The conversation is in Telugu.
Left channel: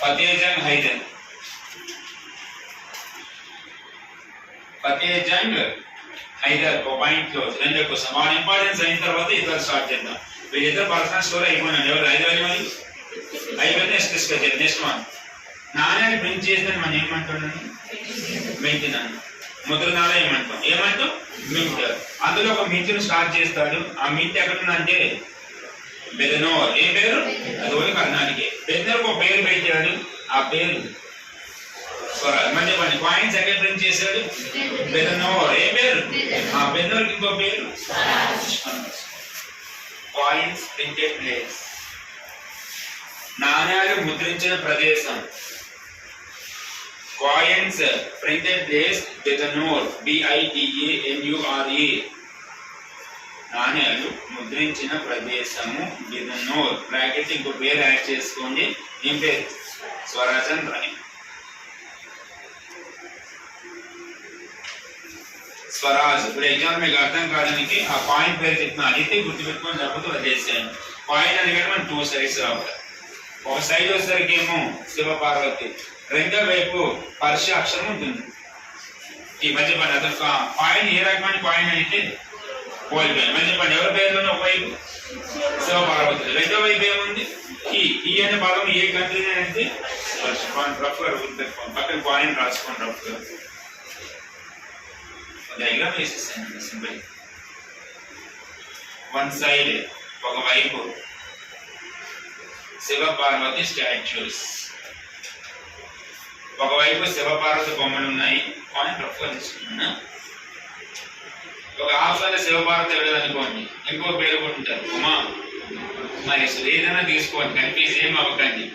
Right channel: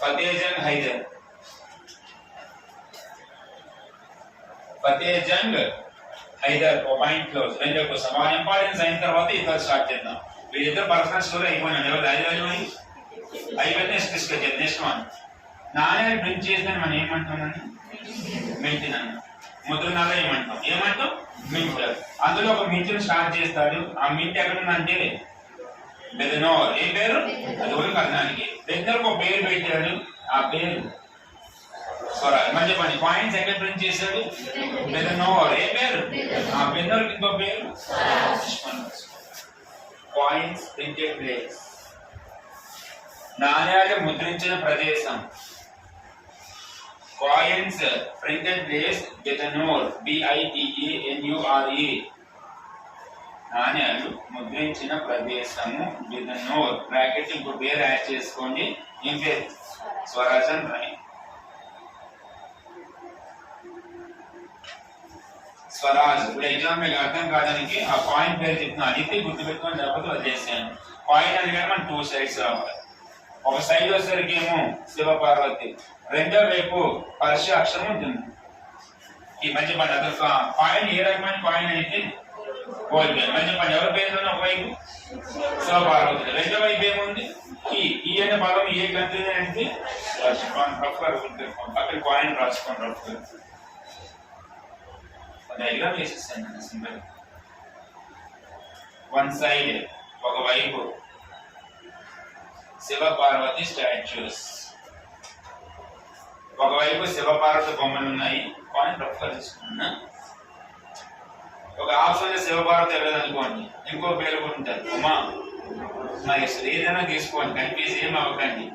फतेह जंग हैदर, फतेह जंग हैदर पॉइंट क्लोज రెండో క్వశ్చన్ వన్ ఇంపార్టెన్స్ అయిన తర్వాత ఇద్దరు స్టార్ట్ చేద్దాం. వీళ్ళిద్దరు పర్సనల్ స్టోరీ అయిపోయినాడు. ఎవరు ఐదు మరి అయిపోయింది. నెక్స్ట్ డిస్కస్ చేద్దాం. నెక్స్ట్ వన్ నాణ్యాలు ప్రింట్ చేద్దాం మనం ఏమంటున్నాను మింట్ అన్న ముద్రణాలు ఏమంటాం మింట్. అందులో ఒక మింట్ స్టార్ట్ చేస్తాడు. ఆ మింట్ ఎక్కడుందంటే బెదనోర్. ఏ పేరు అది ఓడి కర్ణానికి. బెదనోర్ ఒక పేరు పెట్టాడు. ఆ పేరు స్వరాజ్. మంచి పని. కాయిన్స్ ఎక్కడ ప్రింట్ చేశాడు బెదనోర్. ఏ పేరు ఆ బెదనోర్ ఇంకో పేరు కాయిన్స్ ప్రింటెడ్ ప్లేస్. నాణ్యాలు ముద్రించిన ప్రదేశం. Coins printed place Bednore BITANURE. నాణ్యాలు ముద్రించిన ప్రదేశము బెదనోర్. బ్రాకెట్ ఇంకో పేరు యాడ్ చేసుకోండి. ఏం పేరు స్వరాజన్ రాయ్. స్వరాజ్. ఇప్పుడు ఎగ్జామ్ మీకు అర్థం కాదానికి ఆ కాయిన్ పేరు చెప్తున్నా. అడిగితే గుర్తుపెట్టుకొని లేకపోతే వదిలేసాను. కాయిన్ అని కానీ మనం 2 సైడ్స్ రావాలి. ఒక సైడ్ వచ్చేసరికి ఏమో శివపార్వతి, రెండో వైపు పర్ష అక్షరం ఉంటుంది. ఈ మధ్య పని అతను కాయిన్ ఏ రకమైన కాయిన్ అయితే గోల్డ్ పేరు. మధ్య పని ఎవరి పేరులో ఒకవైపు శివపార్వతి, రెండో వైపు ఏముంది ఈ అనే పదం ఏ కంట్రీ అయితే రఫ్ పక్కన కాయిన్ రాసుకోండి. రఫ్ డయాగ్రామ్ వేసేసాను సింపుల్. వన్ సైడ్ ఒకవైపు శివపార్వతి స్టాచ్యూస్, ఒకవైపు శివపార్వతి బొమ్మలు ఉన్నాయి. కాయిన్ రఫ్గా తీసుకున్నా. ఒక ఆప్షన్ శివపార్వతి ఎవరేదనుకోండి, ఇంకో పేరు కూడా ఉంటారు ఉమా మహేశ్వరి. ఏదైనా తీసుకోండి, కన్ఫ్యూజ్ ఏం అవ్వకండి.